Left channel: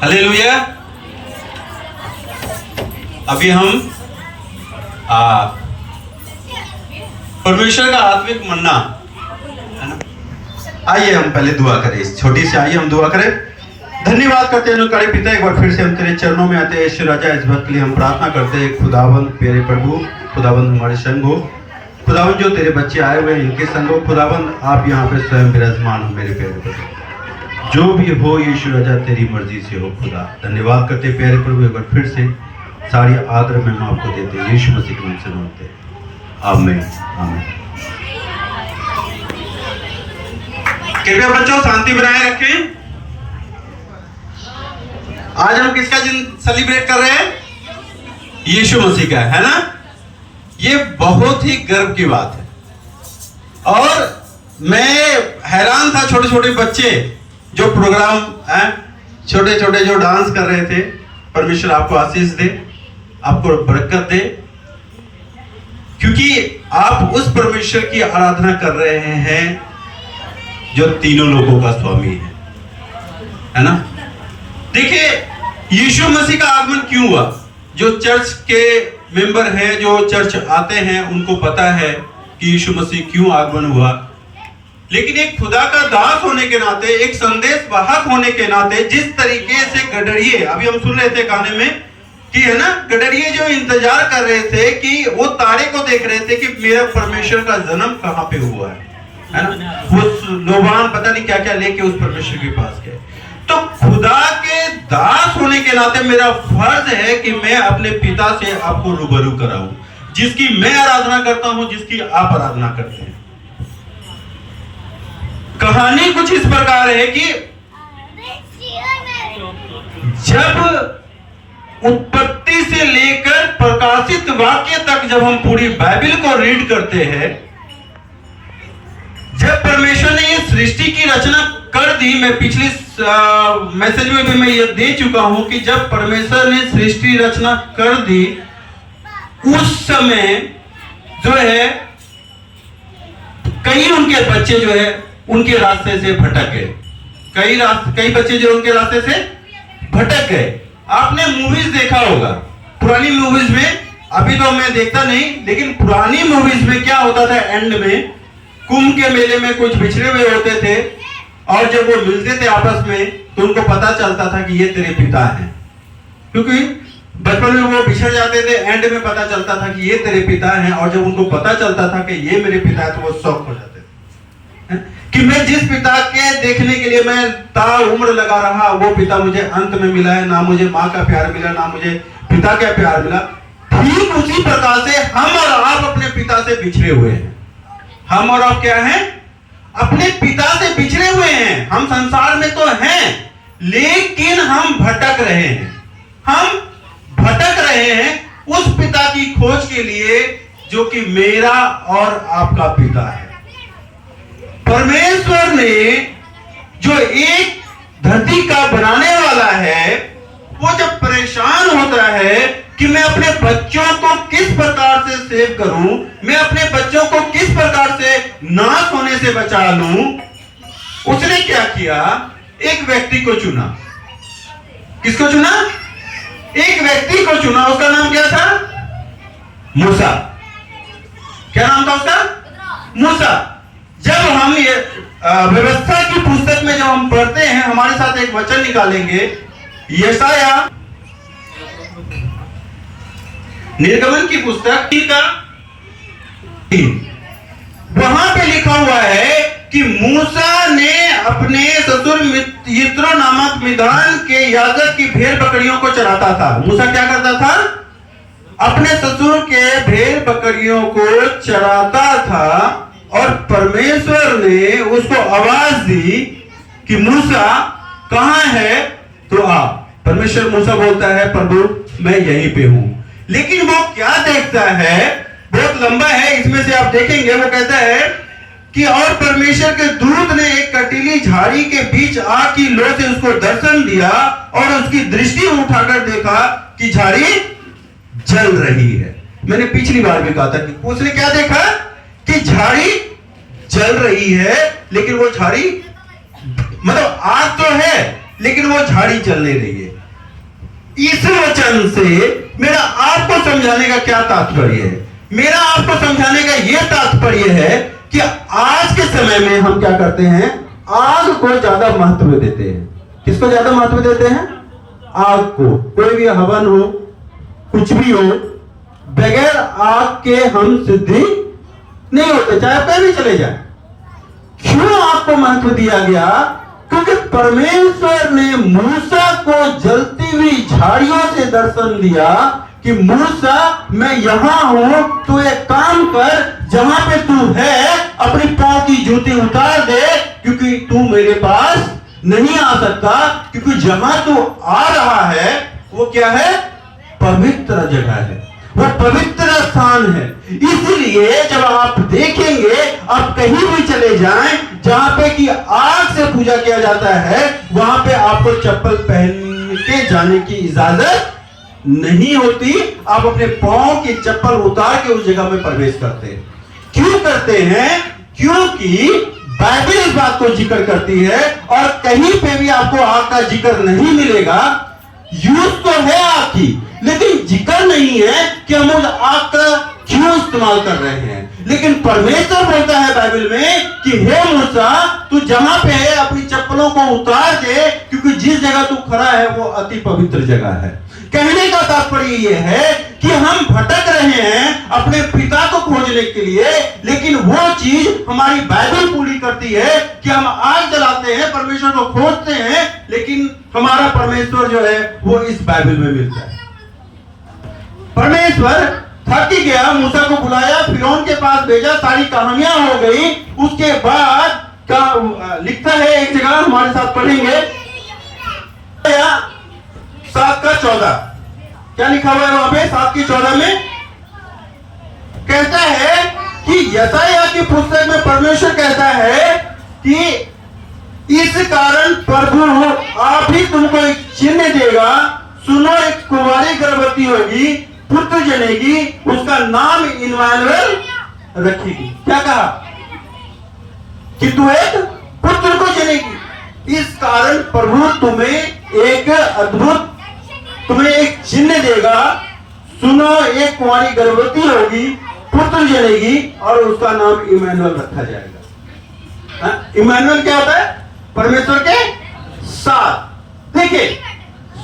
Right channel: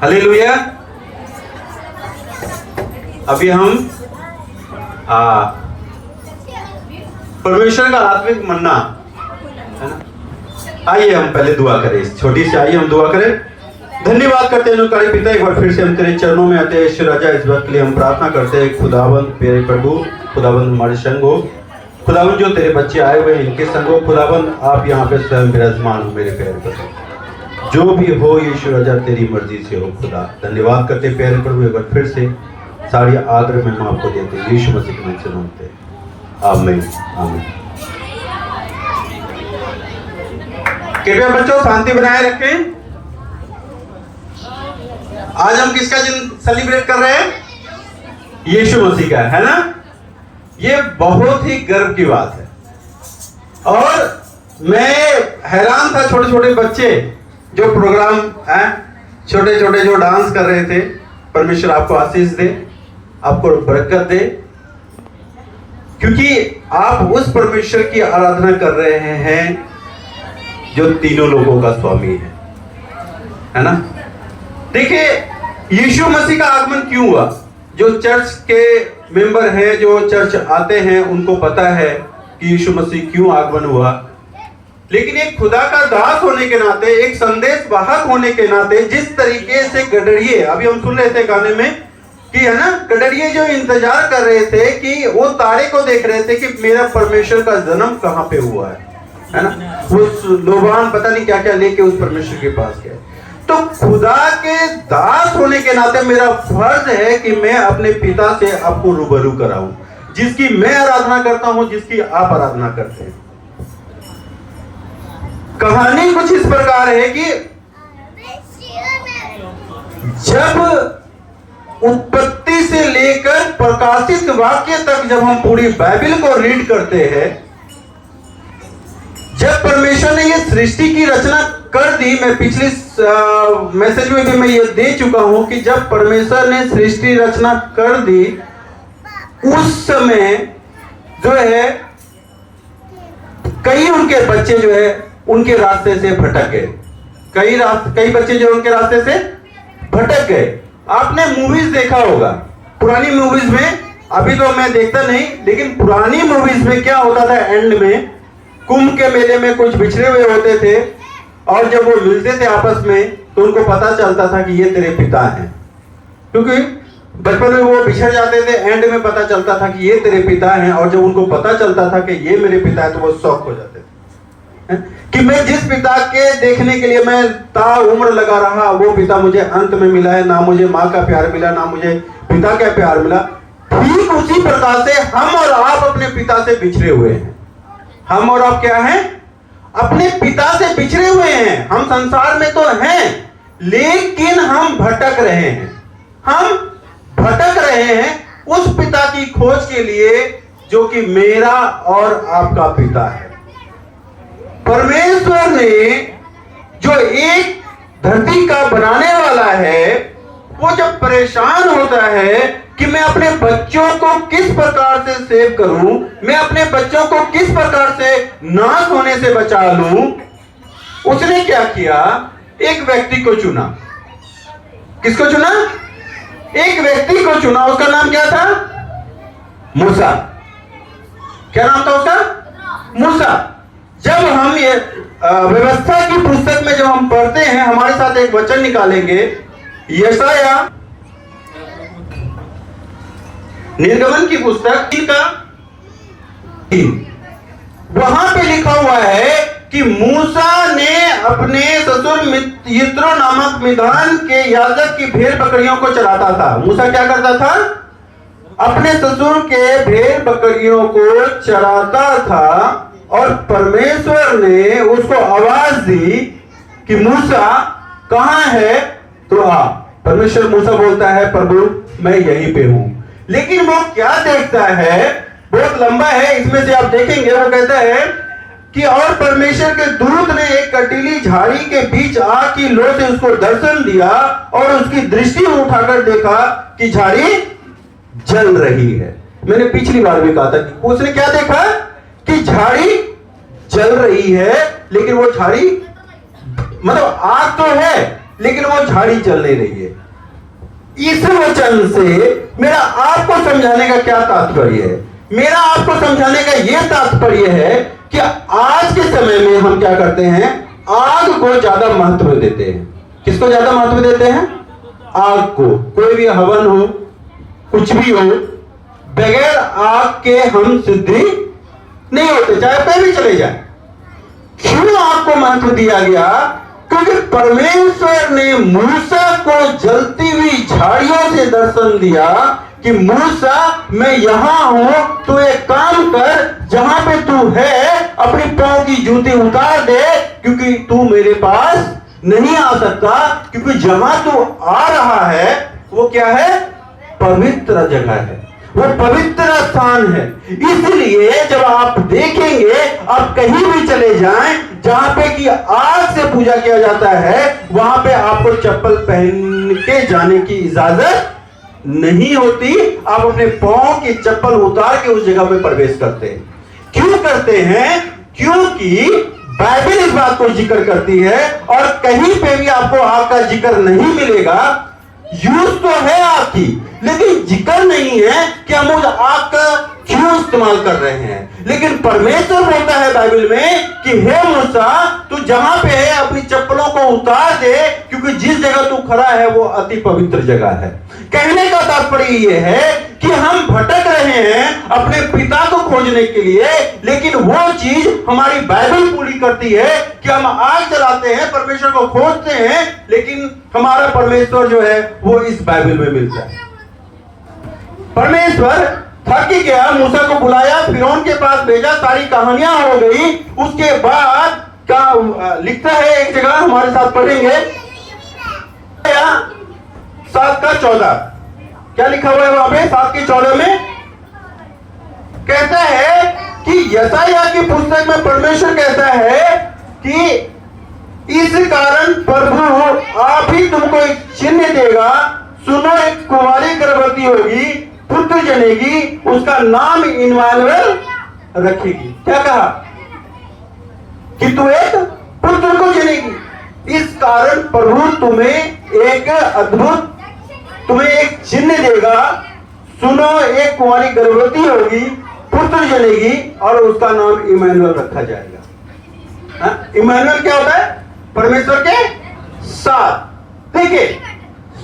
Hallelujah. अभी हम परमेश्वर का आत्मिक मन्ना है ना। आइए हम पहले दुआ करें, इस छोटी सी आइए हम दुआ करें। धन्यवाद करते हैं करे पिता, एक बार फिर से हम तेरे चरणों में आते हैं। ईश्वर राजा, इस वक्त के लिए हम प्रार्थना करते हैं खुदाबंद मेरे प्रभु, खुदाबंद हमारे संग हो, खुदाबंद जो तेरे बच्चे आए हुए हैं इनके संग हो, खुदाबंद आप यहाँ पे स्वयं विराजमान हो मेरे पैरों पर, जो भी हो ईश्वर राजा तेरी मर्जी से हो। खुदा धन्यवाद करते प्यारे प्रभु, एक बार फिर से सारी आदर में हम आपको देते हैं, यीशु मसीह के नाम से मांगते हैं, आमीन आमीन। कृपया बच्चों शांति बनाए रखें। आज हम किसका दिन सेलिब्रेट कर रहे हैं? यीशु मसीह का, है ना। ये बहुत ही गर्व की बात है और मैं हैरान था, छोटे छोटे बच्चे जो प्रोग्राम है, छोटे छोटे जो डांस कर रहे थे। परमेश्वर आपको आशीष दे, आपको बरकत दे, क्योंकि आप उस परमेश्वर की आराधना कर रहे हैं जो तीनों लोगों का स्वामी है ना। देखिए यीशु मसीह का आगमन क्यों हुआ? जो चर्च के मेंबर हैं, जो चर्च आते हैं, उनको पता है कि यीशु मसीह क्यों आगमन हुआ। लेकिन एक खुदा का दास होने के नाते, एक संदेश वाहक होने के नाते, जिस तरीके से गडरिये, अभी हम सुन रहे थे गाने में कि है ना, गडरिये जो इंतजार कर रहे थे कि वो तारे को देख रहे थे कि मेरा परमेश्वर का जन्म कहाँ पे हुआ है ना। वो लोबान पता नहीं क्या क्या लेके उस परमेश्वर के पास गए। तो खुदा के दास होने के नाते मेरा फर्ज है कि मैं अपने पिता से आपको रूबरू कराऊं, जिसकी मैं आराधना करता हूं, जिसकी आप आराधना करते हैं। कहानी कुछ इस प्रकार है कि जब उत्पत्ति से लेकर प्रकाशित वाक्य तक जब हम पूरी बाइबल को रीड करते हैं, जब परमेश्वर ने ये सृष्टि की रचना कर दी, मैं पिछले मैसेज में भी मैं ये दे चुका हूं कि जब परमेश्वर ने सृष्टि रचना कर दी, उस समय जो है कई उनके बच्चे जो है उनके रास्ते से भटक गए। कई बच्चे जो उनके रास्ते से भटक गए। आपने मूवीज देखा होगा, पुरानी मूवीज में, अभी तो मैं देखता नहीं, लेकिन पुरानी मूवीज में क्या होता था, एंड में कुंभ के मेले में कुछ बिछड़े हुए होते थे और जब वो मिलते थे आपस में तो उनको पता चलता था कि ये तेरे पिता हैं, क्योंकि बचपन में वो बिछड़ जाते थे, एंड में पता चलता था कि ये तेरे पिता हैं। और जब उनको पता चलता था कि ये मेरे पिता है तो वो शॉक हो जाते थे कि मैं जिस पिता के देखने के लिए मैं ताउम्र लगा रहा, वो पिता मुझे अंत में मिला है। ना मुझे माँ का प्यार मिला, ना मुझे पिता का प्यार मिला। ठीक उसी प्रकार से हम और आप अपने पिता से बिछड़े हुए हैं। हम और आप क्या हैं? अपने पिता से बिछड़े हुए हैं। हम संसार में तो हैं, लेकिन हम भटक रहे हैं। हम भटक रहे हैं उस पिता की खोज के लिए जो कि मेरा और आपका पिता है। परमेश्वर ने जो एक धरती का बनाने वाला है, वो जब परेशान होता है कि मैं अपने बच्चों को किस प्रकार से सेव करूं, मैं अपने बच्चों को किस प्रकार से नाश होने से बचा लूं, उसने क्या किया? एक व्यक्ति को चुना। किसको चुना? एक व्यक्ति को चुना। उसका नाम क्या था? मूसा। क्या नाम था उसका? मूसा। जब हम ये व्यवस्था की पुस्तक में जब हम पढ़ते हैं, हमारे साथ एक वचन निकालेंगे, यशाया निर्गमन की पुस्तक का 3, वहां पे लिखा हुआ है कि मूसा ने अपने ससुर यित्रो नामक मिद्यान के याजक की भेड़ बकरियों को चराता था। मूसा क्या करता था? अपने ससुर के भेड़ बकरियों को चराता था। और परमेश्वर ने उसको आवाज दी कि मूसा कहां है? तो आ। परमेश्वर मूसा बोलता है, प्रभु मैं यहीं पे हूं। लेकिन वो क्या देखता है? बहुत लंबा है, इसमें से आप देखेंगे। वो कहता है कि और परमेश्वर के दूत ने एक कटीली झाड़ी के बीच आग की लो से उसको दर्शन दिया और उसकी दृष्टि उठाकर देखा कि झाड़ी जल रही है। मैंने पिछली बार भी कहा था कि उसने क्या देखा कि झाड़ी जल रही है, लेकिन वो झाड़ी मतलब आग तो है लेकिन वो झाड़ी चल नहीं रही है। इस वचन से मेरा आपको समझाने का क्या तात्पर्य है? मेरा आपको समझाने का यह तात्पर्य है कि आज के समय में हम क्या करते हैं, आग को ज्यादा महत्व देते हैं। किसको ज्यादा महत्व देते हैं? आग को। कोई भी हवन हो, कुछ भी हो, बगैर आग के हम सिद्धि नहीं होते, चाहे कोई भी चले जाए। क्यों आग को महत्व दिया गया? क्योंकि परमेश्वर ने मूसा को जलती हुई झाड़ियों से दर्शन दिया कि मूसा मैं यहां हूं, तू एक काम कर, जहां पे तू है अपनी पांव की जूती उतार दे, क्योंकि तू मेरे पास नहीं आ सकता, क्योंकि जहां तू आ रहा है वो क्या है? पवित्र जगह है, वो पवित्र स्थान है। इसलिए जब आप देखेंगे, आप कहीं भी चले जाएं जहां पे कि आग से पूजा किया जाता है, वहां पे आपको चप्पल पहन के जाने की इजाजत नहीं होती। आप अपने पांव की चप्पल उतार के उस जगह में प्रवेश करते हैं। क्यों करते हैं? क्योंकि बाइबल इस बात को जिक्र करती है, और कहीं पे भी आपको आग का जिक्र नहीं मिलेगा। यूज तो है आग की, लेकिन जिक्र नहीं है कि हम उस आग का क्यों इस्तेमाल कर रहे हैं। लेकिन परमेश्वर बोलता है बाइबल में कि हे मूसा, तू जहां पे है अपनी चप्पलों को उतार दे, क्योंकि जिस जगह तू खड़ा है वो अति पवित्र जगह है। कहने का तात्पर्य यह है कि हम भटक रहे हैं अपने पिता को खोजने के लिए, लेकिन वो चीज हमारी बाइबल पूरी करती है कि हम आग जलाते हैं, परमेश्वर को खोजते हैं, लेकिन हमारा परमेश्वर जो है वो इस बाइबल में मिलता है। परमेश्वर थक गया, मूसा को बुलाया, फिरौन के पास भेजा, सारी कहानियां हो गई। उसके बाद का लिखता है एक जगह, हमारे साथ पढ़ेंगे 7:14। क्या लिखा हुआ है वहां पे? 7:14 में कहता है कि यशायाह की पुस्तक में परमेश्वर कहता है कि इस कारण प्रभु आप ही तुमको एक चिन्ह देगा, सुनो एक कुंवारी गर्भवती होगी, पुत्र जनेगी, उसका नाम इम्मानुएल रखेगी। क्या कहा? कि तू एक पुत्र को जनेगी। इस कारण प्रभु तुम्हें एक अद्भुत, तुम्हें एक चिन्ह देगा, सुनो एक कुंवारी गर्भवती होगी, पुत्र जनेगी, और उसका नाम इम्मानुएल रखा जाएगा। इम्मानुएल क्या होता है? परमेश्वर के साथ। देखिए,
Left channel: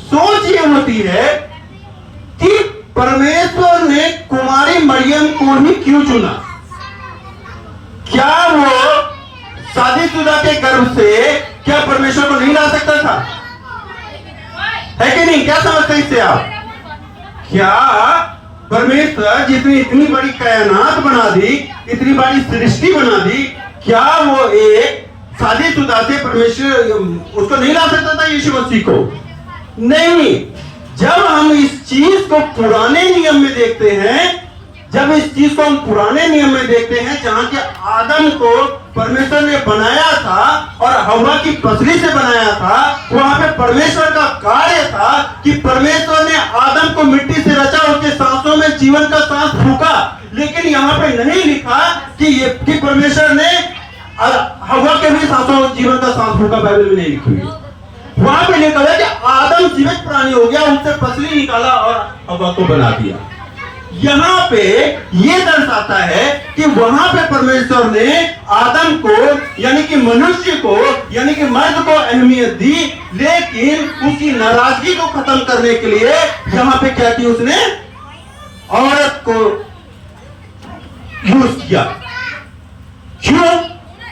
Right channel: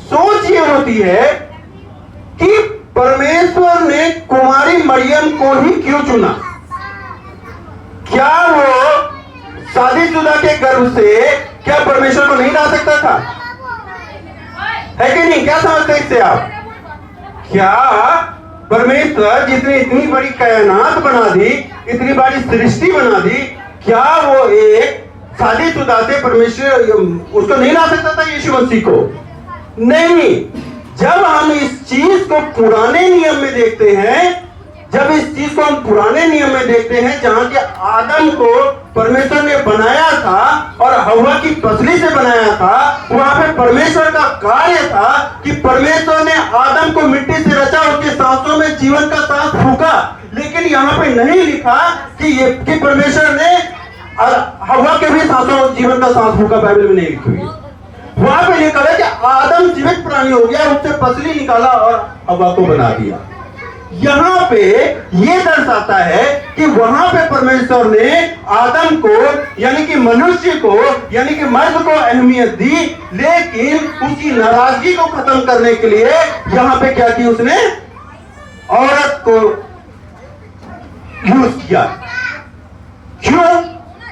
सोच ये होती है कि परमेश्वर ने कुंवारी मरियम को ही क्यों चुना? क्या वो शादीशुदा के गर्भ से क्या परमेश्वर को नहीं ला सकता था? है कि नहीं? क्या समझते हैं इससे आप? क्या परमेश्वर जितनी इतनी बड़ी कायनात बना दी, इतनी बड़ी सृष्टि बना दी, क्या वो एक शादीशुदा से परमेश्वर उसको नहीं ला सकता था यीशु मसीह को? नहीं। जब हम इस चीज को पुराने नियम में देखते हैं, जब इस चीज को हम पुराने नियम में देखते हैं, जहां के आदम को परमेश्वर ने बनाया था और हव्वा की पसली से बनाया था, वहां पे परमेश्वर का कार्य था कि परमेश्वर ने आदम को मिट्टी से रचा, उसके सांसों में जीवन का सांस फूंका। लेकिन यहाँ पे नहीं लिखा कि परमेश्वर ने हव्वा के भी सांसों जीवन का सांस फूंका। बाइबल में नहीं लिखी हुई। वहां पे लिखा है कि आदम जीवित प्राणी हो गया, उससे पसली निकाला और हव्वा को बना दिया। यहाँ पे ये दर्शाता है कि वहां पे परमेश्वर ने आदम को, यानी कि मनुष्य को, यानी कि मर्द को अहमियत दी, लेकिन उसकी नाराजगी को खत्म करने के लिए यहाँ पे क्या की? उसने औरत को यूज किया। क्यों?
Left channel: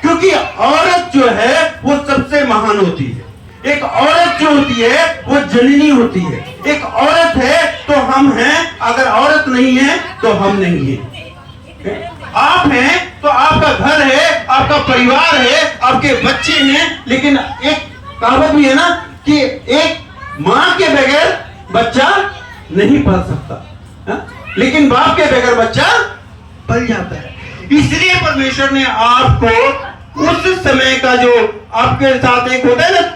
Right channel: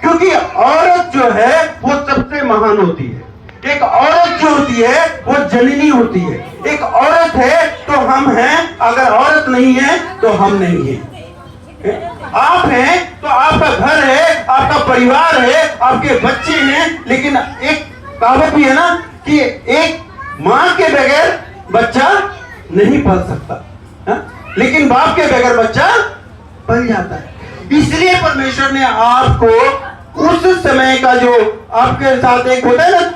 क्योंकि औरत जो है वो सबसे महान होती है। एक औरत जो होती है वो जननी होती है। एक औरत है तो हम हैं, अगर औरत नहीं है तो हम नहीं हैं। आप हैं तो आपका घर है, आपका परिवार है, आपके बच्चे हैं, लेकिन एक कहावत भी है ना कि एक मां के बगैर बच्चा नहीं पल सकता, लेकिन बाप के बगैर बच्चा पल जाता है। इसलिए परमेश्वर ने आपको उस समय का जो आपके साथ एक होता है ना,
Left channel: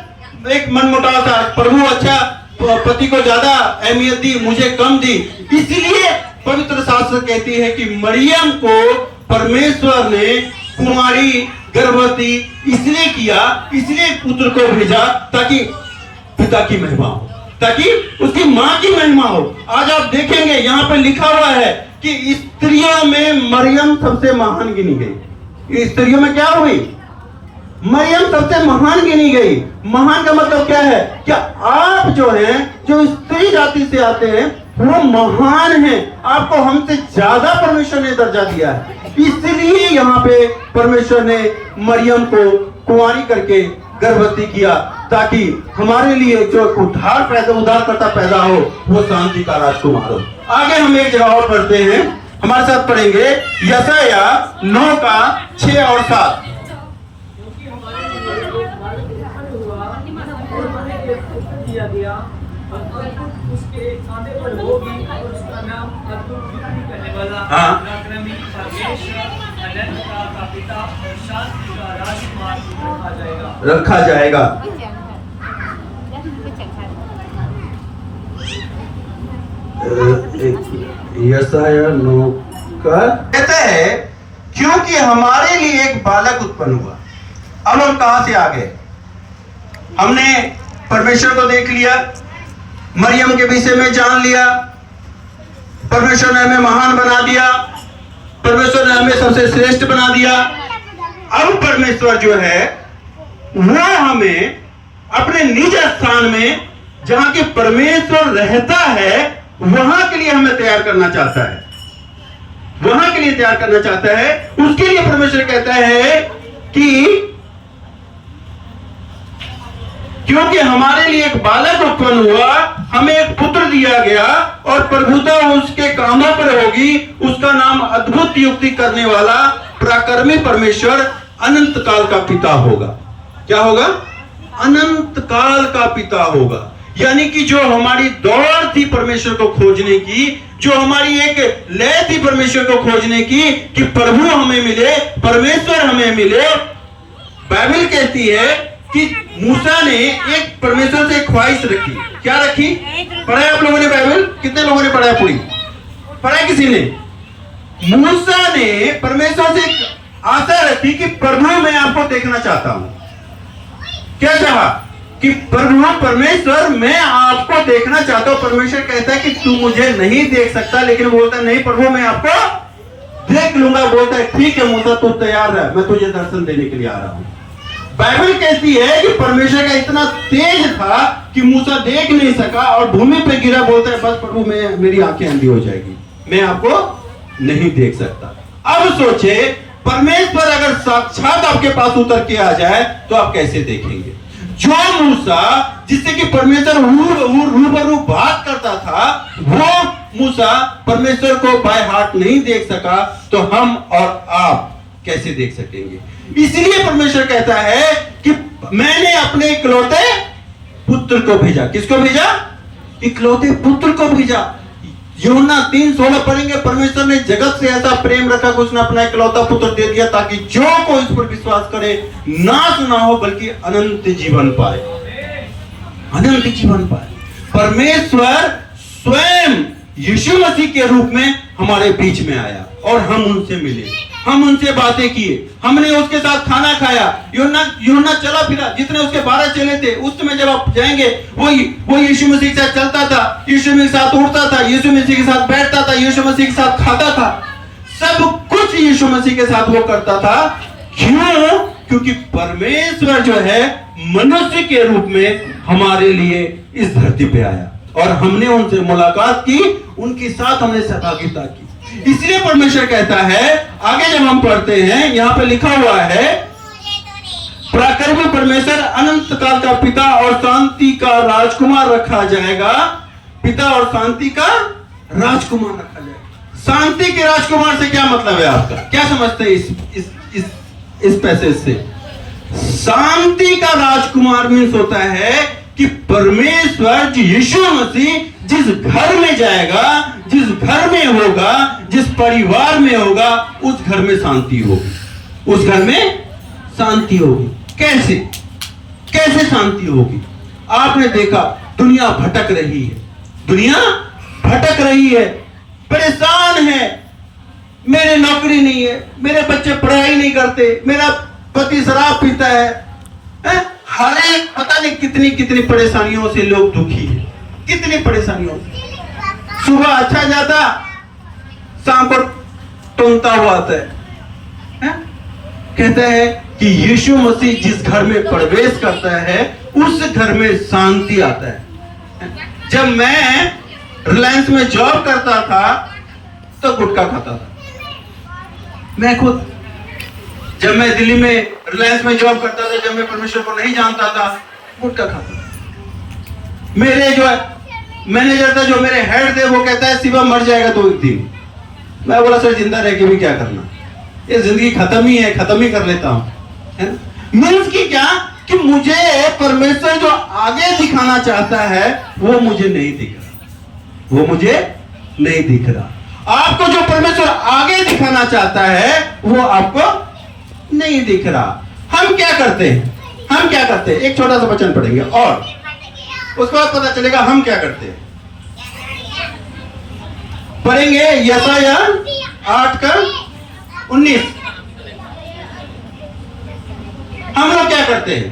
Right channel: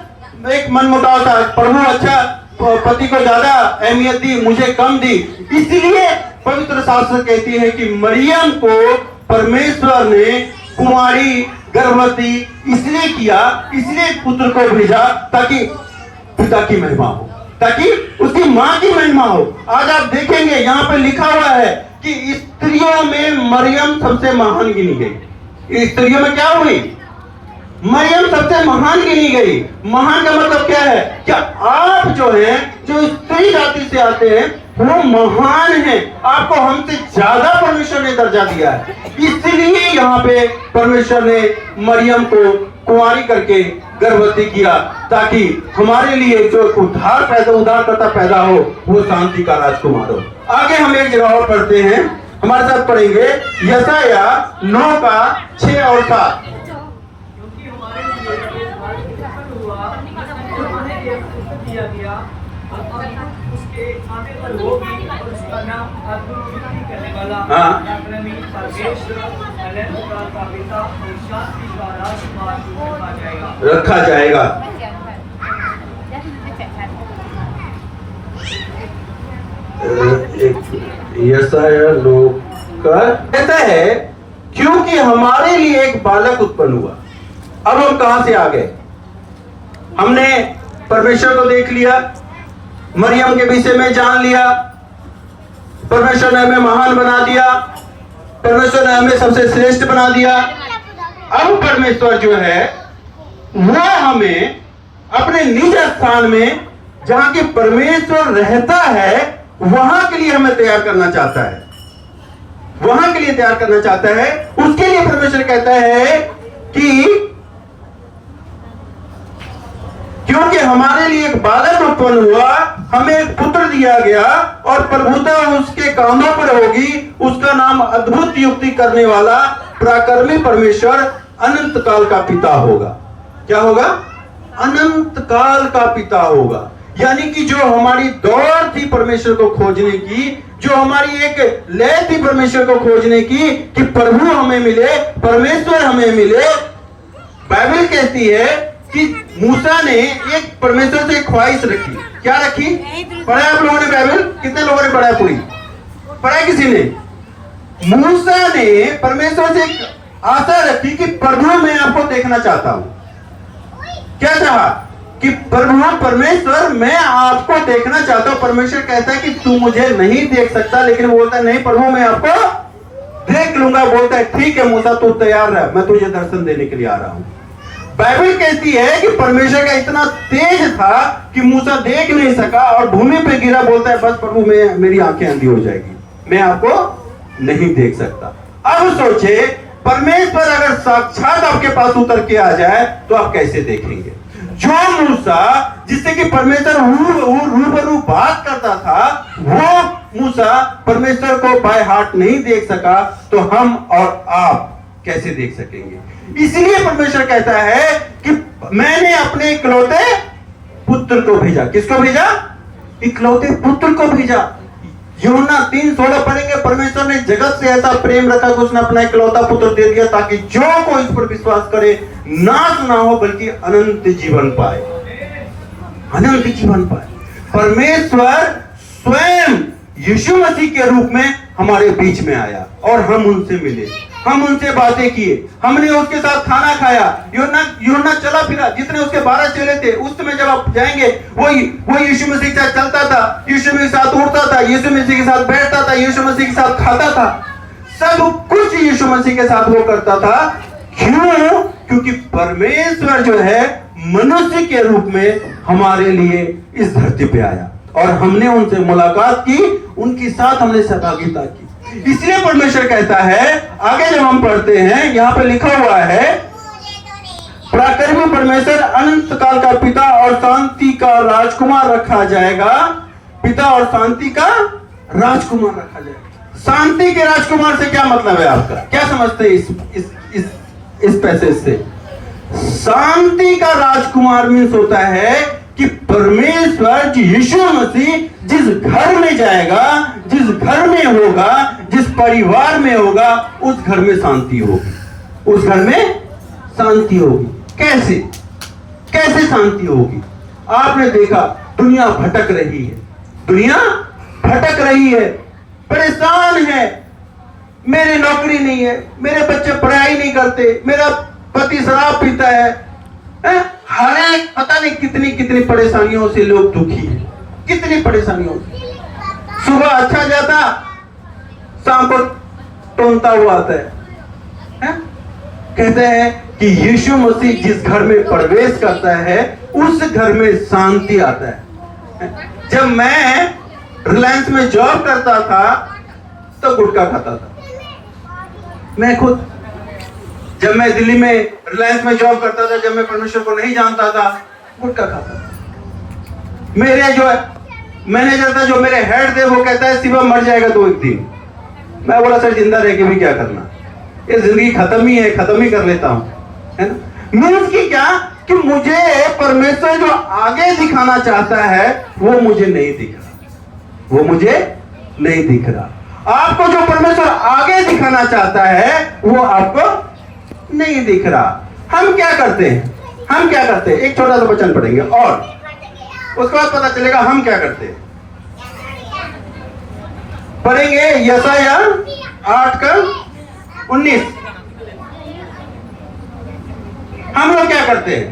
एक मनमुटाव था, प्रभु अच्छा पति को ज्यादा अहमियत दी, मुझे कम दी। इसलिए पवित्र शास्त्र कहती है कि मरियम को परमेश्वर ने कुंवारी गर्भवती इसलिए किया, इसलिए पुत्र को भेजा ताकि पिता की महिमा हो, ताकि उसकी मां की महिमा हो। आज आप देखेंगे यहाँ पे लिखा हुआ है कि स्त्रियों में मरियम सबसे महान गिनी गई। स्त्रियों में क्या हुई? मरियम सबसे महान गिनी गई। महान का मतलब क्या है? क्या आप जो हैं, जो स्त्री जाति से आते हैं, वो महान हैं। आपको हमसे ज्यादा परमेश्वर ने दर्जा दिया है। इसलिए यहाँ पे परमेश्वर ने मरियम को कुंवारी करके गर्भवती किया, ताकि हमारे लिए जो उद्धारकर्ता पैदा हो, वो शांति का राजकुमार हो। आगे हम एक जगह और पढ़ते हैं, हमारे साथ पढ़ेंगे यशाया 9 का 6 और 7। उसके खाने पर होगी और उसका नाम अद्भुत युक्ति करने वाला, पराक्रमी, परमेश्वर, अनंत का पिता और शांति का राजकुमार रखा जाएगा। यशाया 9 का कहता है, क्योंकि हमारे लिए एक बालक उत्पन्न हुआ। अब हम कहां से आ गए? हमने परमेश्वर को देख लिया, मरियम के विषय में जान लिया, परमेश्वर ने हमें महान बना दिया, परमेश्वर ने हमें सबसे श्रेष्ठ बना दिया। अब परमेश्वर जो है वो हमें अपने निज स्थान में, जहां के परमेश्वर रहता है, वहां के लिए हमें तैयार करना चाहता है। वहां के लिए तैयार करना चाहता है। उसके लिए परमेश्वर कहता है कि क्योंकि हमारे लिए एक बालक उत्पन्न हुआ, हमें एक पुत्र दिया गया, और प्रभुता उसके कांधों पर होगी। उसका नाम अद्भुत युक्ति करने वाला, पराक्रमी परमेश्वर, अनंत काल का पिता होगा। क्या होगा? अनंत काल का पिता होगा। यानी कि जो हमारी दौड़ थी परमेश्वर को खोजने की, जो हमारी एक लय थी परमेश्वर को खोजने की, कि प्रभु हमें मिले, परमेश्वर हमें मिले, बाइबल कहती है कि मूसा ने एक परमेश्वर से ख्वाहिश रखी। क्या रखी? पढ़ा आप लोगों ने बाइबल? कितने लोगों ने पढ़ा? पूरी पढ़ा किसी ने? मूसा ने परमेश्वर से आशा रखी कि प्रभु मैं आपको देखना चाहता हूं। क्या चाहा? कि प्रभु परमेश्वर मैं आपको देखना चाहता हूं। परमेश्वर कहता है कि तू मुझे नहीं देख सकता, लेकिन बोलता नहीं प्रभु मैं आपको देख लूंगा। बोलता है ठीक है मूसा, तू तैयार है, मैं तुझे दर्शन देने के लिए आ रहा हूं। बाइबल कहती है कि परमेश्वर का इतना तेज था कि मूसा देख नहीं सका और भूमि पे गिरा। बोलता है बस प्रभु मेरी आंखें अंधी हो जाएगी, मैं आपको नहीं देख सकता। अब सोचे, परमेश्वर अगर साक्षात आपके पास उतर के आ जाए तो आप कैसे देखेंगे? जो मूसा जिससे कि परमेश्वर रूबरू बात करता था, वो मूसा परमेश्वर को बाय हार्ट नहीं देख सका, तो हम और आप कैसे देख सकेंगे? इसलिए परमेश्वर कहता है कि मैंने अपने इकलौते पुत्र को भेजा। किसको भेजा? इकलौते पुत्र को भेजा। यूहन्ना 3:16 पढ़ेंगे, परमेश्वर ने जगत से ऐसा प्रेम रखा कि उसने अपना इकलौता पुत्र दे दिया, ताकि जो कोई इस पर विश्वास करे नाश ना हो बल्कि अनंत जीवन पाए। अनंत जीवन पाए। परमेश्वर स्वयं यीशु मसीह के रूप में हमारे बीच में आया और हम उनसे मिले, हम उनसे बातें किए, हमने उसके साथ खाना खाया। यूहन्ना चला फिरा, जितने उसके 12 चेले थे, उस समय जब आप जाएंगे, वो यीशु मसीह के साथ चलता था, यीशु मसीह के साथ उठता था, यीशु मसीह के साथ बैठता था, यीशु मसीह के साथ खाता था। सब कुछ यीशु मसीह के साथ वो करता था। क्यों? क्योंकि परमेश्वर जो है मनुष्य के रूप में हमारे लिए इस धरती पे आया और हमने उनसे मुलाकात की, उनके साथ हमने सहभागिता की। इसलिए परमेश्वर कहता है, आगे जब हम पढ़ते हैं, यहां पे लिखा हुआ है, पराक्रमी परमेश्वर अनंत काल का पिता और शांति का राजकुमार रखा जाएगा। पिता और शांति का राजकुमार रखा जाएगा। शांति के राजकुमार से क्या मतलब है आपका? क्या समझते हैं इस पैसेज से? शांति का राजकुमार मीन्स होता है कि परमेश्वर यीशु मसीह जिस घर में जाएगा, जिस घर में होगा, जिस परिवार में होगा, उस घर में शांति होगी। उस घर में शांति होगी। कैसे? कैसे शांति होगी? आपने देखा दुनिया भटक रही है, दुनिया भटक रही है, परेशान है। मेरी नौकरी नहीं है, मेरे बच्चे पढ़ाई नहीं करते, मेरा पति शराब पीता है, हर एक पता नहीं कितनी कितनी परेशानियों से लोग दुखी हैं, कितनी परेशानियों से। सुबह अच्छा जाता, शाम को टोनता हुआ आता है? कहते हैं कि यीशु मसीह जिस घर में प्रवेश करता है उस घर में शांति आता है। जब मैं रिलायंस में जॉब करता था तो गुटखा खाता था, मैं खुद। जब मैं दिल्ली में रिलायंस में जॉब करता था, जब मैं परमेश्वर को नहीं जानता था, गुटखा खाता था। मेरे जो मैनेजर था, जो मेरे हेड थे, वो कहता है शिवा मर जाएगा तो एक दिन। मैं बोला सर जिंदा रह के भी क्या करना, ये जिंदगी खत्म ही है, खत्म ही कर लेता हूं, है ना। मीन्स की क्या कि मुझे परमेश्वर जो आगे दिखाना चाहता है वो मुझे नहीं दिख रहा, वो मुझे नहीं दिख रहा। आपको जो परमेश्वर आगे दिखाना चाहता है वो आपको नहीं दिख रहा। हम क्या करते हैं, हम क्या करते हैं, एक छोटा सा वचन पढ़ेंगे और उसके बाद पता चलेगा हम क्या करते हैं। पढ़ेंगे यशायाह 8:19। हम लोग क्या करते हैं,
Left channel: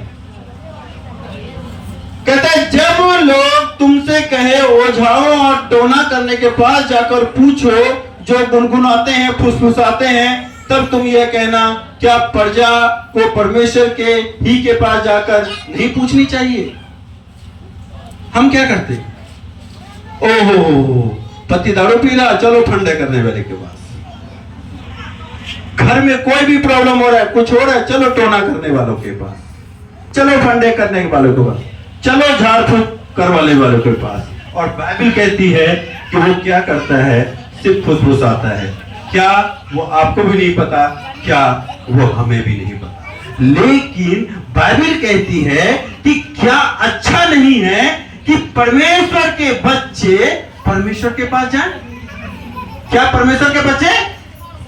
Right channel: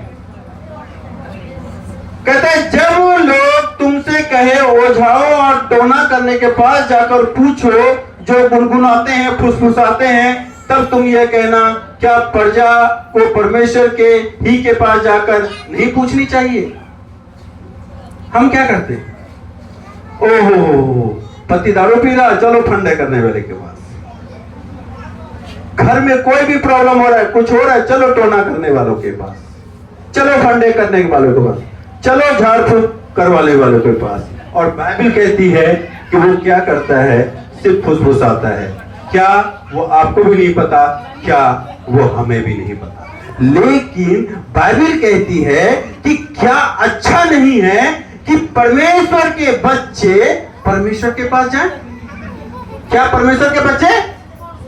कहते हैं जब लोग तुमसे कहे ओझाओं और टोना करने के पास जाकर पूछो, जो गुनगुनाते हैं फुसफुसाते हैं, तब तुम यह कहना क्या प्रजा को परमेश्वर के ही के पास जाकर नहीं पूछनी चाहिए। हम क्या करते, ओहो पति दारू पी रहा, चलो ठंडे करने वाले के पास। घर में कोई भी प्रॉब्लम हो रहा है, कुछ हो रहा है, चलो टोना करने वालों के पास, चलो ठंडे करने वालों के पास, चलो झाड़ फूक करवाने वालों के पास। और बाइबल कहती है कि वो क्या करता है, सिर्फ फुसफुसाता है। क्या वो आपको भी नहीं पता, क्या वो हमें भी नहीं पता। लेकिन बाइबल कहती है कि क्या अच्छा नहीं है कि परमेश्वर के बच्चे परमेश्वर के पास जाए। क्या परमेश्वर के बच्चे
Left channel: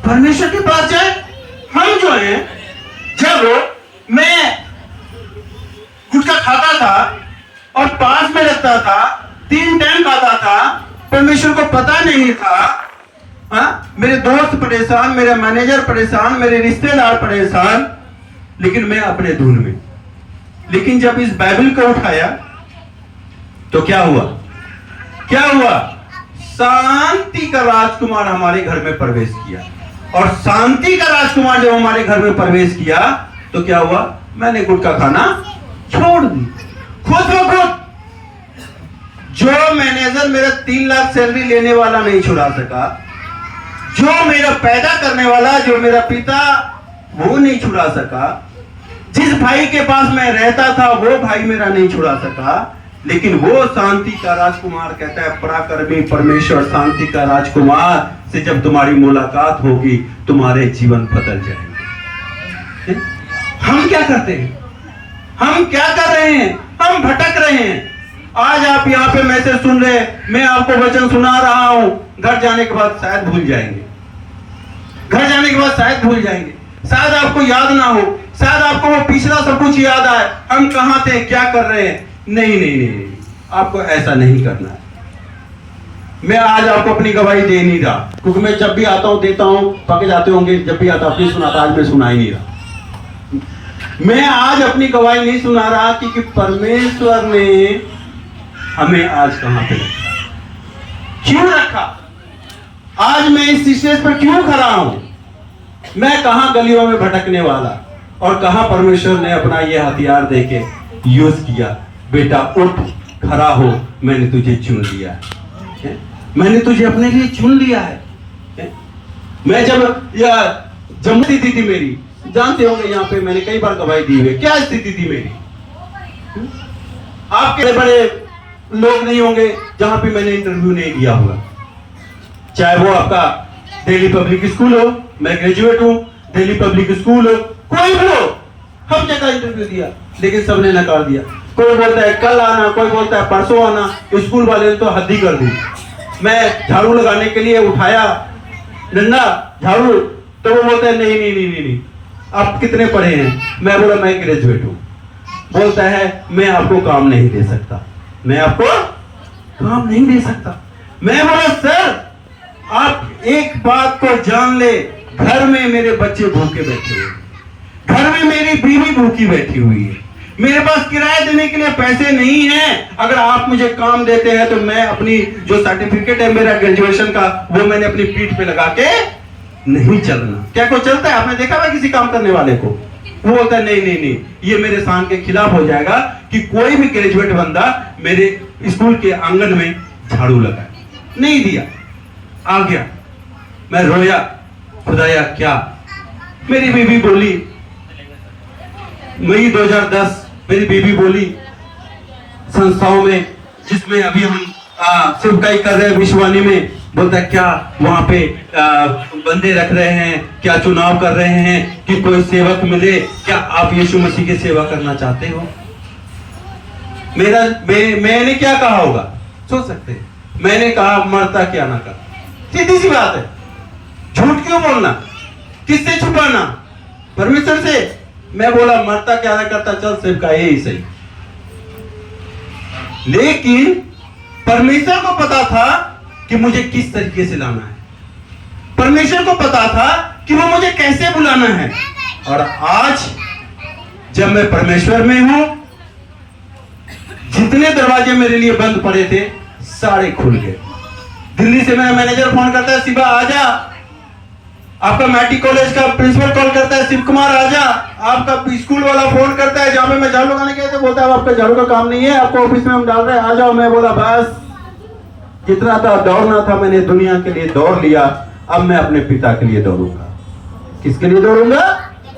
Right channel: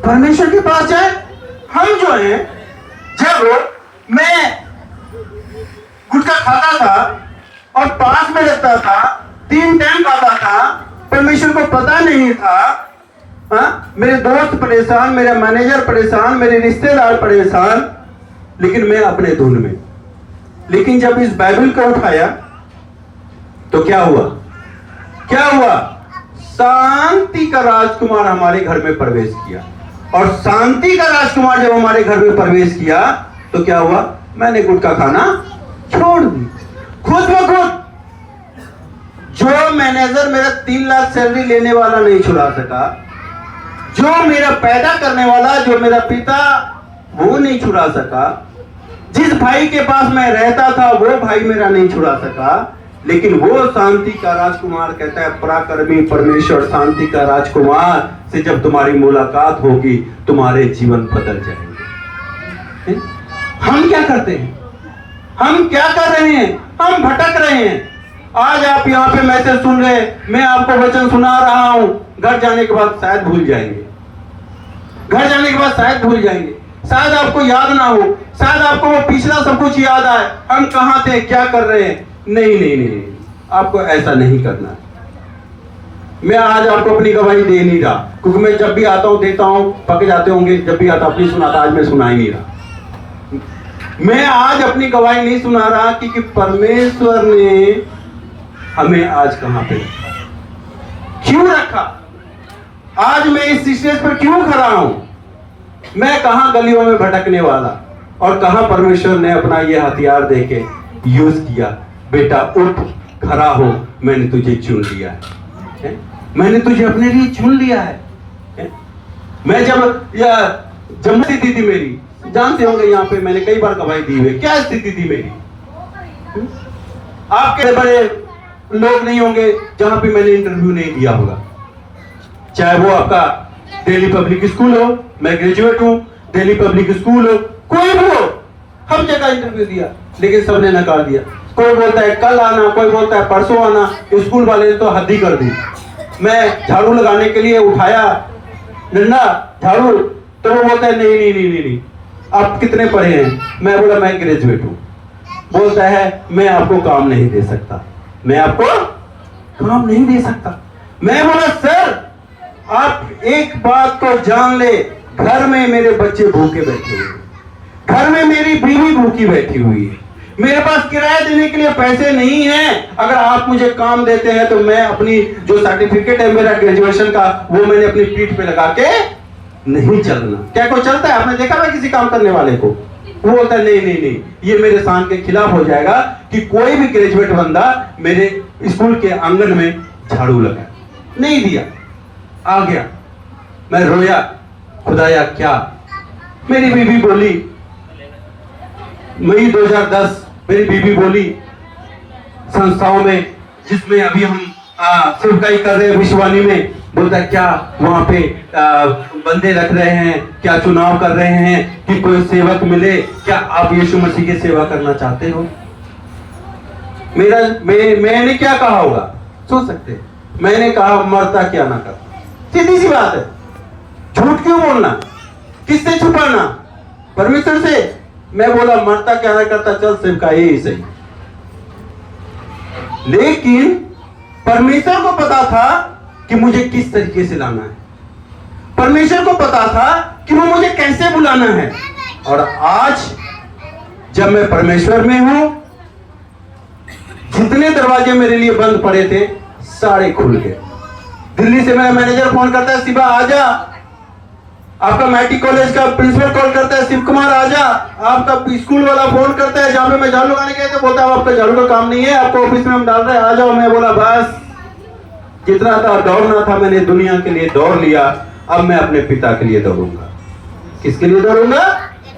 परमेश्वर के पास जाए। हम जो हैं, जब मैं गुटखा खाता था और पास में रहता था, 3 टाइम खाता था, परमेश्वर को पता नहीं था, मेरे दोस्त परेशान, मेरा मैनेजर परेशान, मेरे रिश्तेदार परेशान, लेकिन मैं अपने धुन में। लेकिन जब इस बाइबल को उठाया तो क्या हुआ, क्या हुआ, शांति का राजकुमार हमारे घर में प्रवेश किया। और शांति का राजकुमार जब हमारे घर में प्रवेश किया तो क्या हुआ, मैंने गुटखा खाना छोड़ दी, खुद हो खुद। जो मैनेजर मेरा 3 लाख सैलरी लेने वाला नहीं छुड़ा सका, जो मेरा पैदा करने वाला, जो मेरा पिता, वो नहीं छुड़ा सका, जिस भाई के पास मैं रहता था वो भाई मेरा नहीं छुड़ा सका, लेकिन वो शांति का राजकुमार कहता है, पराक्रमी परमेश्वर शांति का राजकुमार से जब तुम्हारी मुलाकात होगी तुम्हारे जीवन बदल जाएंगे। हम क्या करते हैं, हम क्या कर रहे हैं, हम भटक रहे हैं। आज आप यहाँ पे मैसेज सुन रहे हैं, मैं आपको वचन सुना रहा हूं, घर जाने के बाद शायद भूल जाएंगे, घर जाने के बाद शायद भूल जाएंगे, शायद आपको याद ना हो, शायद आपको वो पिछला सब कुछ याद आए, हम कहां थे, क्या कर रहे हैं। नहीं नहीं नहीं नहीं, आपको ऐसा नहीं करना है। मैं आज आपको अपनी गवाही दे नहीं रहा, क्योंकि मैं जब भी आता हूं देता हूं, पक जाते होंगे, जब भी आता अपनी सुनाता, आज मैं सुना ही नहीं रहा। मैं आज अपनी गवाही नहीं सुना रहा क्योंकि परमेश्वर ने हमें आज कहां पे रखा, क्यों रखा, आज मैं इस स्टेज पर क्यों खड़ा हूं, मैं कहां गलियों में भटकने वाला, और कहां परमेश्वर ने अपना यह हथियार देके यूज किया, बेटा उठ खड़ा हो, मैंने तुझे चुन लिया है, मैंने तुझे अपने लिए चुन लिया है। मैं जब जब स्थिति थी मेरी, जानते होंगे यहाँ पे मैंने कई बार गवाही दी है, क्या स्थिति थी मेरी। आपके बड़े लोग नहीं होंगे जहां पे मैंने इंटरव्यू नहीं दिया होगा, चाहे वो आपका दिल्ली पब्लिक स्कूल हो, मैं ग्रेजुएट हूं, दिल्ली पब्लिक स्कूल हो, कोई भी हो, हर जगह इंटरव्यू दिया, लेकिन सबने नकार दिया। कोई बोलता है कल आना, कोई बोलता है परसों आना, स्कूल वाले ने तो हद ही कर दी। मैं झाड़ू लगाने के लिए उठाया डंडा झाड़ू, तो वो बोलता है नहीं नहीं नहीं नहीं नहीं, आप कितने पढ़े हैं, मैं बोला मैं ग्रेजुएट हूं, बोलता है मैं आपको काम नहीं दे सकता, मैं आपको काम नहीं दे सकता। मैं बोला सर आप एक बात को जान ले, घर में मेरे बच्चे भूखे बैठे हुए, घर में मेरी बीवी भूखी बैठी हुई है, मेरे पास किराया देने के लिए पैसे नहीं है। अगर आप मुझे काम देते हैं तो मैं अपनी जो सर्टिफिकेट है मेरा ग्रेजुएशन का, वो मैंने अपनी पीठ पे लगा के नहीं चलना। क्या कोई चलता है? आपने देखा था किसी काम करने वाले को? वो बोलता है नहीं नहीं नहीं, ये मेरे शान के खिलाफ हो जाएगा कि कोई भी ग्रेजुएट बंदा मेरे स्कूल के आंगन में झाड़ू लगाए। नहीं दिया, आ गया, मैं रोया, खुदाया क्या। मेरी बीवी बोली, मई 2010 मेरी बीवी बोली, संस्थाओं में जिसमें अभी हम सेवकाई कर रहे हैं विश्ववाणी में, बोलता क्या वहां पे बंदे रख रहे हैं, क्या चुनाव कर रहे हैं कि कोई सेवक मिले, क्या आप यीशु मसीह की सेवा करना चाहते हो? मैंने क्या कहा होगा सोच सकते हैं? मैंने कहा मरता क्या ना कर। सीधी सी बात है, झूठ क्यों बोलना, किससे छुपाना? परमेश्वर से। मैं बोला मरता क्या ना करता, चल सेवकाई ही सही। लेकिन परमेश्वर को पता था कि मुझे किस तरीके से लाना है, परमेश्वर को पता था कि वो मुझे कैसे बुलाना है। और आज जब मैं परमेश्वर में हूं, जितने दरवाजे मेरे लिए बंद पड़े थे सारे खुल गए। दिल्ली से मेरा मैनेजर फोन करता है, शिवा आजा। आपका मैट्रिक कॉलेज का प्रिंसिपल कॉल करता है, शिव कुमार आजा। आपका स्कूल वाला फोन करता है, जहां मैं झाड़ू लगाने गए तो बोलता है आपका झाड़ू का काम नहीं है, आपको ऑफिस में हम डाल रहे हैं, आ जाओ। मैं बोला बस जितना था दौड़ना था मैंने दुनिया के लिए दौड़ लिया, अब मैं अपने पिता के लिए दौड़ूंगा। किसके लिए दौड़ूंगा?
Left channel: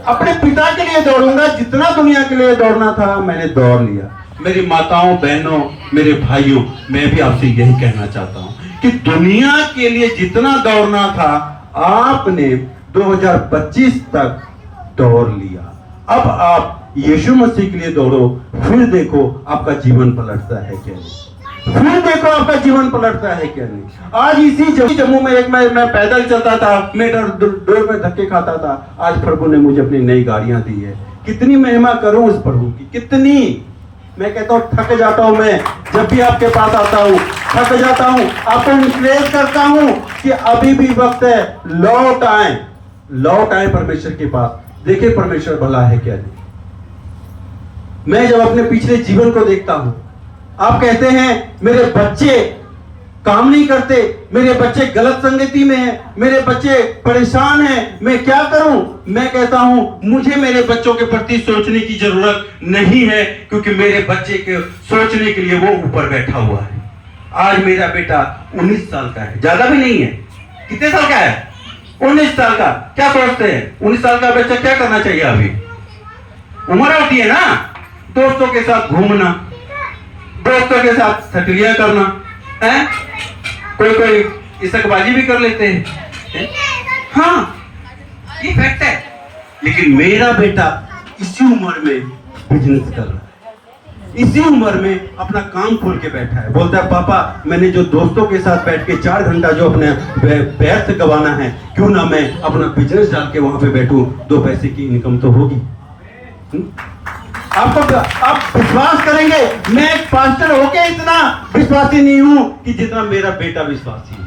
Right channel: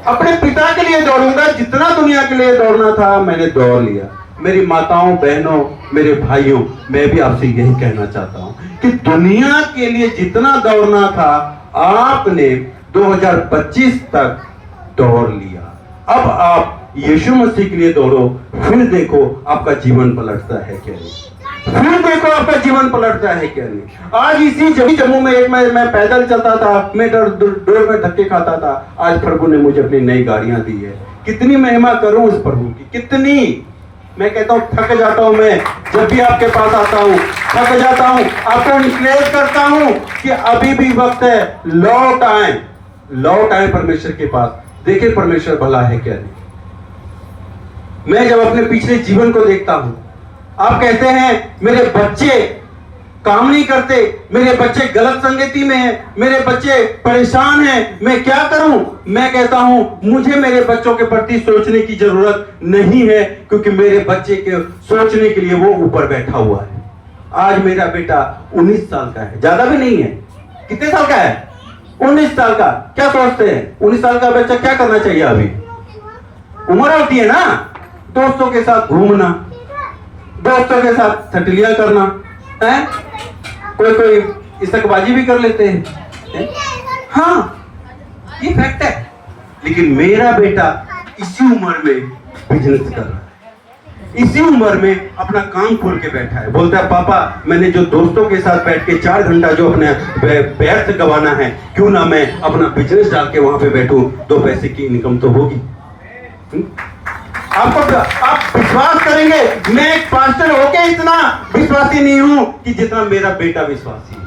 अपने पिता के लिए दौड़ूंगा। जितना दुनिया के लिए दौड़ना था मैंने दौड़ लिया। मेरी माताओं, बहनों, मेरे भाइयों, मैं भी आपसे यही कहना चाहता हूं कि दुनिया के लिए जितना दौड़ना था आपने 2025 तक दौड़ लिया। अब आप यीशु मसीह के लिए दौड़ो, फिर देखो आपका जीवन पलटता है क्या नहीं, फिर देखो आपका जीवन पलटता है क्या नहीं। आज इसी जम्मू में एक मैं पैदल चलता था, मैं डोर में धक्के खाता था। आज प्रभु ने मुझे अपनी नई गाड़ियां दी है। कितनी महिमा करूं उस प्रभु की, कितनी। मैं कहता हूं थक जाता हूं, मैं जब भी आपके पास आता हूं थक जाता हूं, आपको इंकरेज करता हूं कि अभी भी वक्त है, लौट आए परमेश्वर के पास। देखिए परमेश्वर भला है क्या नहीं। मैं जब अपने पिछले जीवन को देखता हूं, आप कहते हैं मेरे बच्चे काम नहीं करते, मेरे बच्चे गलत संगति में हैं, मेरे बच्चे परेशान हैं, मैं क्या करूं? मैं कहता हूं मुझे मेरे बच्चों के प्रति सोचने की जरूरत नहीं है, क्योंकि मेरे बच्चे के सोचने के लिए वो ऊपर बैठा हुआ है। आज मेरा बेटा 19 साल का है, ज्यादा भी नहीं है। कितने साल का है? 19 साल का। क्या सोचते हैं 19 साल का बच्चा क्या करना चाहिए? अभी उम्र होती है ना, दोस्तों के साथ घूमना, दोस्तों के साथ ठटलियां करना है, कोई इसकबाजी भी कर लेते हैं। हाँ ये फैक्ट है। लेकिन मेरा बेटा इसी उम्र में बिजनेस कर रहा है, इसी उम्र में अपना काम खोल के बैठा है। बोलता है पापा मैंने जो दोस्तों के साथ बैठ के 4 घंटा जो अपने व्यर्थ गवाना है, क्यों ना मैं अपना बिजनेस डाल के वहां पे बैठूं, 2 पैसे की इनकम तो होगी। आप विश्वास करेंगे, मैं एक पास्टर होके इतना विश्वासी नहीं हूं कि जितना मेरा बेटा विश्वासी है।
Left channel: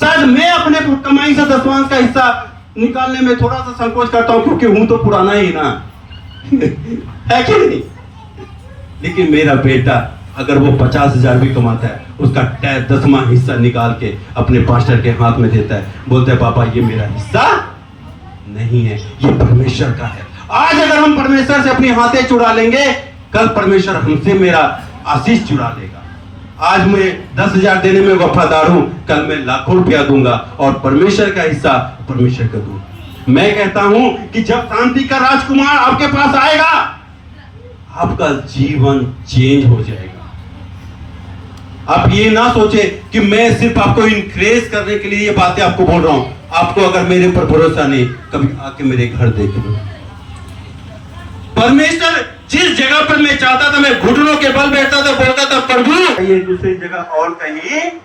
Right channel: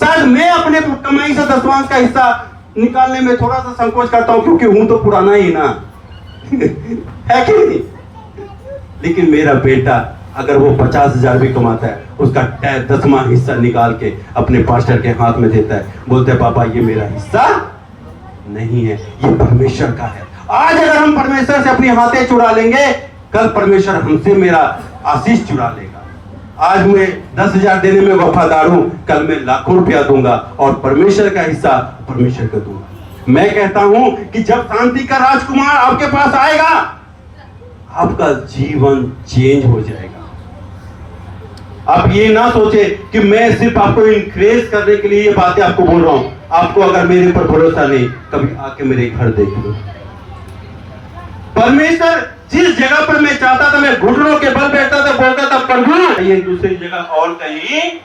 शायद मैं अपने कमाई से 10वां का हिस्सा निकालने में थोड़ा सा संकोच करता हूं, क्योंकि हूं तो पुराना ही ना है कि नहीं। लेकिन मेरा बेटा अगर वो 50,000 भी कमाता है, उसका 10वां हिस्सा निकाल के अपने पास्टर के हाथ में देता है, बोलते हैं पापा ये मेरा हिस्सा नहीं है, ये परमेश्वर का है। आज अगर हम परमेश्वर से अपनी हाथें चुरा लेंगे, कल परमेश्वर हमसे मेरा आशीष चुरा लेगा। आज मैं 10,000 देने में वफादार हूं, कल मैं लाखों रुपया दूंगा और परमेश्वर का हिस्सा परमेश्वर को दूंगा। मैं कहता हूं कि जब शांति का राजकुमार आपके पास आएगा, आपका जीवन चेंज हो जाएगा। आप ये ना सोचे कि मैं सिर्फ आपको इनकरेज करने के लिए ये बातें आपको बोल रहा हूं। आपको अगर मेरे पर भरोसा नहीं, कभी आके मेरे घर देख लो। परमेश्वर जिस जगह पर मैं चाहता था, मैं घुटनों के बल बैठता था, बोलता था प्रभु ये दूसरी जगह और कहीं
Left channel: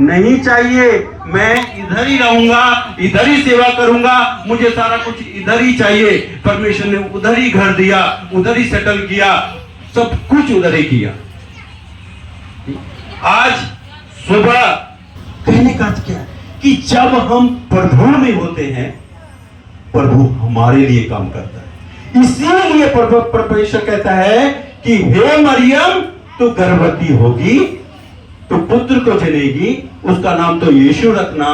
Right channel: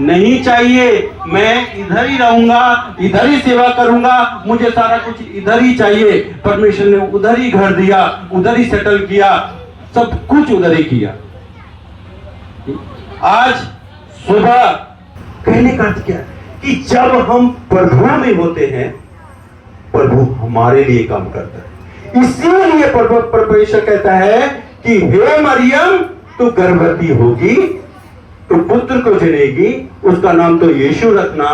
नहीं चाहिए, मैं इधर ही रहूंगा, इधर ही सेवा करूंगा, मुझे सारा कुछ इधर ही चाहिए। परमेश्वर ने उधर ही घर दिया, उधर ही सेटल किया, सब कुछ उधर ही किया। आज सुबह कहने का अर्थ क्या कि जब हम प्रभु में होते हैं, प्रभु हमारे लिए काम करता है। इसीलिए परमेश्वर कहता है कि हे मरियम तो गर्भवती होगी, तो पुत्र को जनेगी, उसका नाम तो यीशु रखना,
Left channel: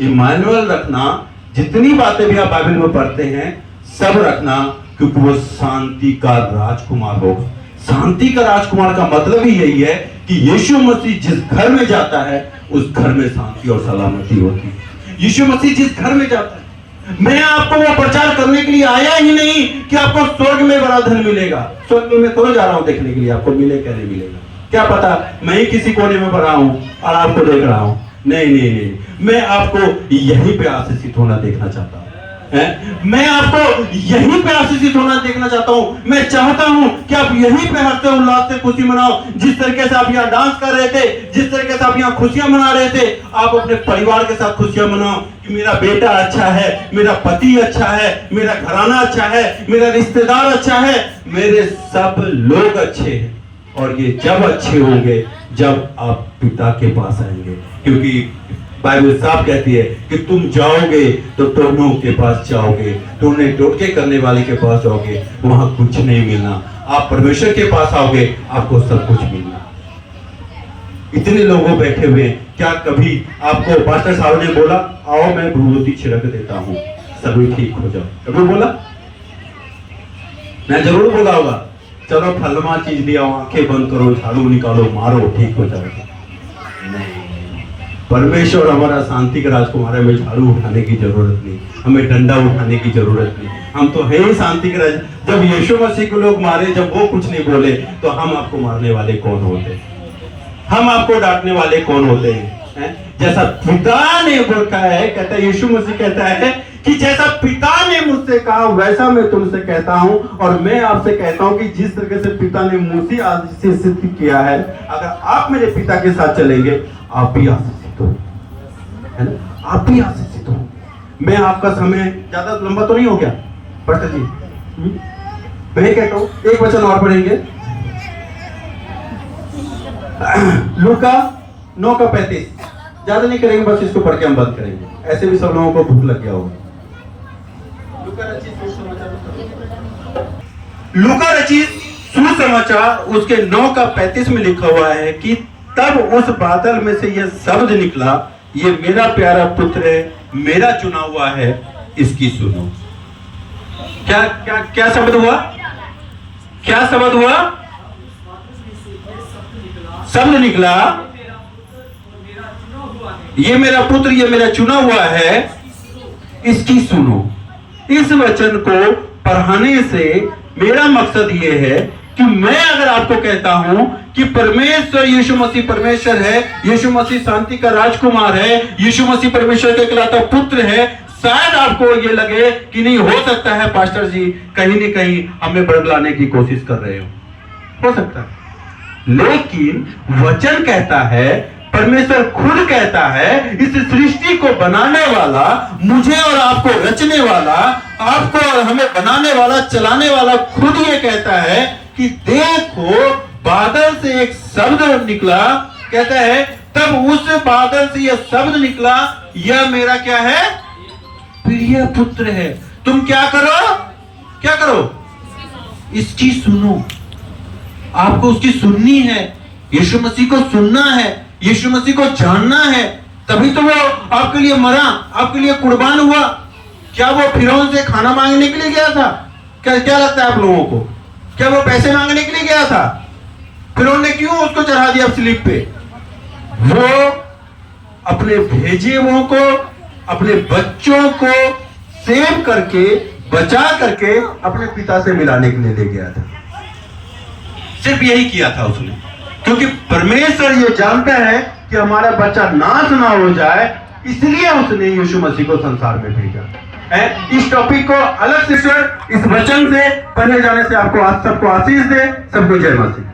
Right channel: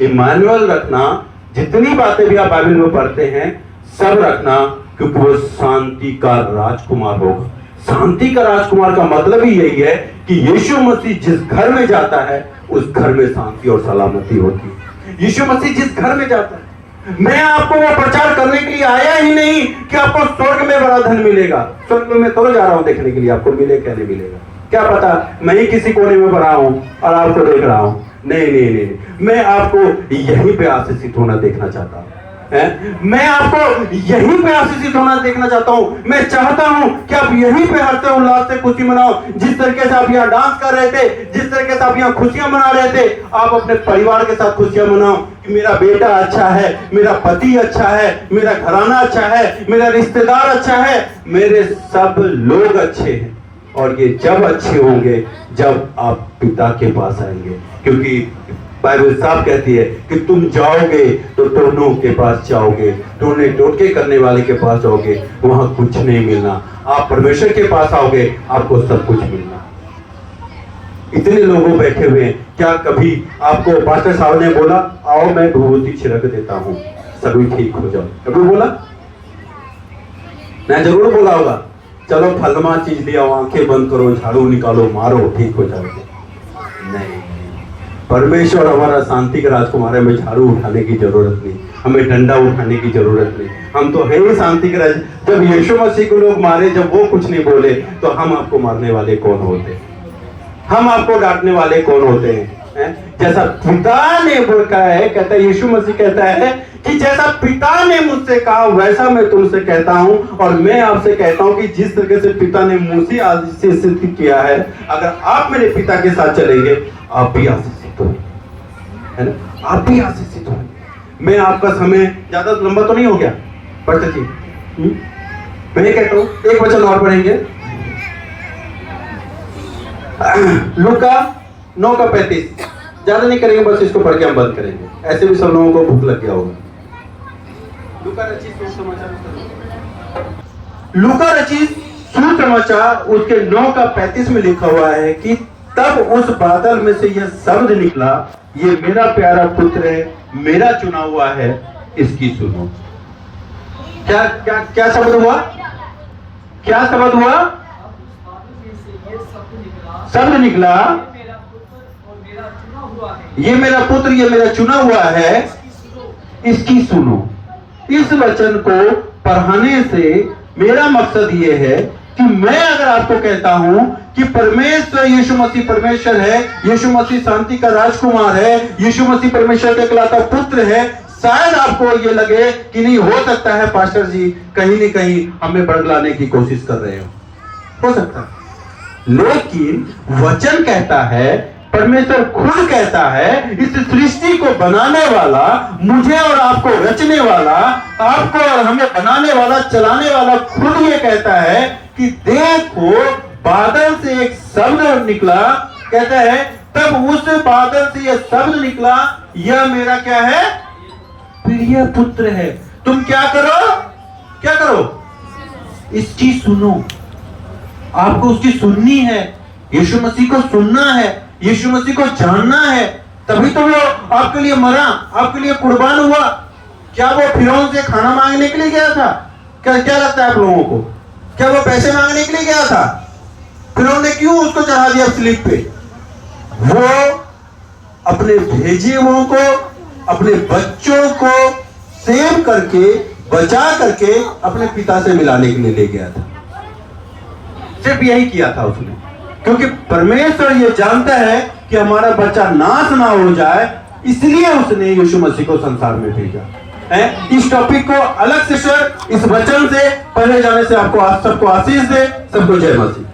इमानुएल रखना, जितनी बातें भी आप बाइबल में पढ़ते हैं सब रखना, क्योंकि वो शांति का राजकुमार होगा। शांति का राजकुमार का मतलब ही यही है कि यीशु मसीह जिस घर में जाता है उस घर में शांति और सलामती होती है। यीशु मसीह जिस घर में जाता है, मैं आपको वो प्रचार करने के लिए आया ही नहीं कि आपको स्वर्ग में बड़ा धन मिलेगा। स्वर्ग में मैं तो जा रहा हूं देखने के लिए, आपको मिले क्या नहीं मिलेगा क्या पता, मैं ही किसी कोने में पड़ा हूं और आपको देख रहा हूं। नहीं नहीं नहीं, मैं आपको यहीं पे आशीषित होना देखना चाहता हूं। मैं आपको यहीं पे आशीषित होना देखना चाहता हूं। मैं चाहता हूं कि आप यहीं पे हर्ष उल्लास से खुशी मनाओ। जिस तरीके से आप यहाँ डांस कर रहे थे, जिस तरीके से आप यहाँ खुशियां मना रहे थे, आप अपने परिवार के साथ खुशियां मनाओ कि मेरा बेटा अच्छा है, मेरा पति अच्छा है, मेरा घराना अच्छा है, मेरा रिश्तेदार अच्छा है, मेरे सब लोग अच्छे हैं। और ये जब अच्छे होंगे जब आप पिता के पास आएंगे, क्योंकि बाइबल साफ कहती है कि तुम जाओगे तो टोनों के पास जाओगे, टोने टोटके करने वाले के पास जाओगे, वहां कुछ नहीं मिलना। आप परमेश्वर के पास आओगे, आपको सब कुछ मिलना। इतने लोगों बैठे हुए, क्या कभी आपको पास्टर साहब ने बोला आओ मैं विभूति छिड़क देता हूं सभी ठीक हो जाओ, कभी बोला? मैं जरूर बोला होगा, चलो फलमा चीज लिया, आंखें बंद करो, झाड़ू निकालो, मारो, ठीक हो जाओगे। नहीं, परमेश्वर हमारा शांति का राजकुमार है। हमें झाड़ू उठाने की जरूरत नहीं, हमें डंडा उठाने की जरूरत नहीं, हम तो है ही शांति के राज। जब यीशु मसीह को लोग मारे, जब वो कुछ नहीं बोले, तो हम आपको मारने वाले कौन होते हैं? हम आपको डांटने वाले कौन होते हैं? जैसा पिता ने बोला है, कहता है यीशु मसीह कहता है कि जैसा पिता ने मुझसे कहा वैसा मैं तुमसे कहता हूं, और मैं आपसे कहता हूं कि जिस तरीके से पिता ने मुझसे आशीषित किया है, अगर आप मेरे पिता के साथ चलेंगे आप भी आशीषित हो, है ना? आप भी आशीषित हो। मैं आपका समय ज्यादा लंबा तो नहीं हो गया पास्टर जी? मैं कहता हूं एक वचन और पढ़ेंगे, लूका 9:35। ज्यादा नहीं करेंगे, बस इसको पढ़ के हम बंद करेंगे, ऐसे भी सब लोगों को भूख लग गया होगा। लूका रचित सुसमाचार उसके 9:35 में लिखा हुआ है कि तब उस बादल में से यह शब्द निकला, ये मेरा प्यारा पुत्र है, मेरा चुना हुआ है, इसकी सुनो। क्या क्या क्या शब्द हुआ? क्या शब्द हुआ? शब्द निकला, ये मेरा पुत्र, ये मेरा चुना हुआ है, इसकी सुनो। इस वचन को पढ़ाने से मेरा मकसद ये है कि मैं अगर आपको कहता हूं कि परमेश्वर यीशु मसीह परमेश्वर है, यीशु मसीह शांति का राजकुमार है, यीशु मसीह परमेश्वर का इकलौता पुत्र है, शायद आपको ये लगे कि नहीं हो सकता है पास्टर जी कहीं न कहीं हमें बरगलाने की कोशिश कर रहे हो सकता है। लेकिन वचन कहता है, परमेश्वर खुद कहता है, इस सृष्टि को बनाने वाला, मुझे और आपको रचने वाला, आपको और हमें बनाने वाला, चलाने वाला खुद ये कहता है कि देखो बादल से एक शब्द निकला, कहता है तब उस बादल से यह शब्द निकला, यह मेरा क्या है? प्रिय पुत्र है। तुम क्या करो? क्या करो? इसकी सुनो। आपको उसकी सुननी है, यीशु मसीह को सुनना है, यीशु मसीह को जानना है, तभी तो वो आपके लिए मरा, आपके लिए कुर्बान हुआ। क्या वो फिरौन से खाना मांगने के लिए गया था? क्या लगता है आप लोगों को? क्या वो पैसे मांगने के लिए गया था? फिरौन ने क्यों उसको चढ़ा दिया स्लीप पे? वो अपने भेजे हुओं को, अपने बच्चों को सेव करके, बचा करके अपने पिता से मिलाने के लिए ले गया था। सिर्फ यही किया था उसने, क्योंकि परमेश्वर ये जानता है कि हमारा बच्चा नाश ना हो जाए, इसलिए उसने यीशु मसीह को संसार में भेजा है। इस टॉपिक को अलग से इस वचन से पढ़े जाने से आपको सबको आशीष दे। सबको जय मसीह।